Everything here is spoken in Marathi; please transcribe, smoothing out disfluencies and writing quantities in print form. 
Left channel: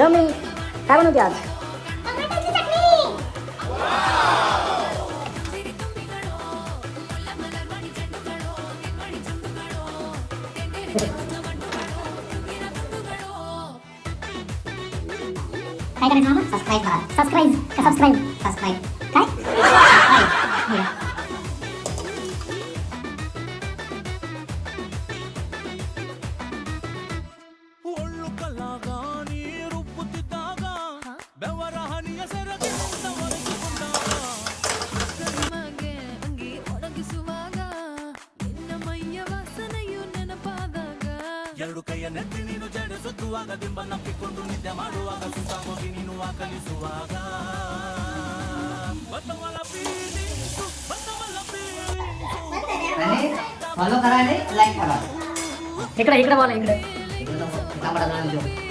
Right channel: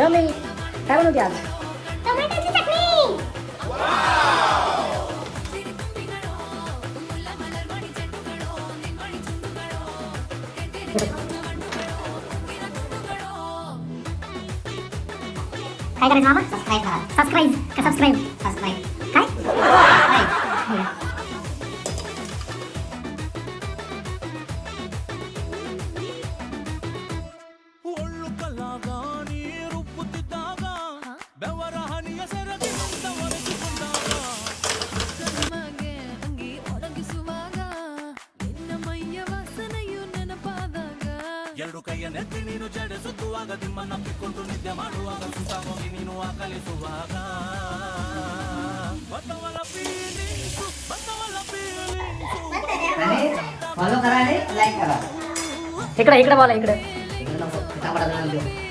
मम्मी काय बनवते आज? टोमॅटोची चटणी. काय करायचं मामा? सबस्क्राईब करा. सबस्क्राईब काय? ಒಳ್ಳು ಕಲಾಗಾನಿ ರೂಪುತ್ತಿದ್ದಾಗ ಬೆವರ ಹನಿಯ ಸೆರಗಿನಿಂದ ಒರೆಸಿಕೊಂಡಾಗ ಕರ್ಮಗೆ ಅಂಗಿ ಒಣಗಿಸುವಾಗ ನಿನ್ನ ಮೈಯ ವಾಸನೆಯು ನೆನಪಾದಾಗ ಎರಡು ಕೈಯ ನೆತ್ತಿ ನೀನು ಚಡಿಸುತ್ತುವಾಗ ದಿಮ್ಮನಪ್ಪಿಕೊಂಡು ನಿದ್ದೆ ಮಾಡುವಾಗ ಸುಸಾಗೋಗಿ ನೀನು ಆಕಲಿಸುವಾಗ ಬತ್ತವಲ ಫೀಲಿಂಗ್ಸು फॉलो करा आणि लाईक करा. इकडे बोला इकडे. इकडे नको, पिता पडा नाही देऊ.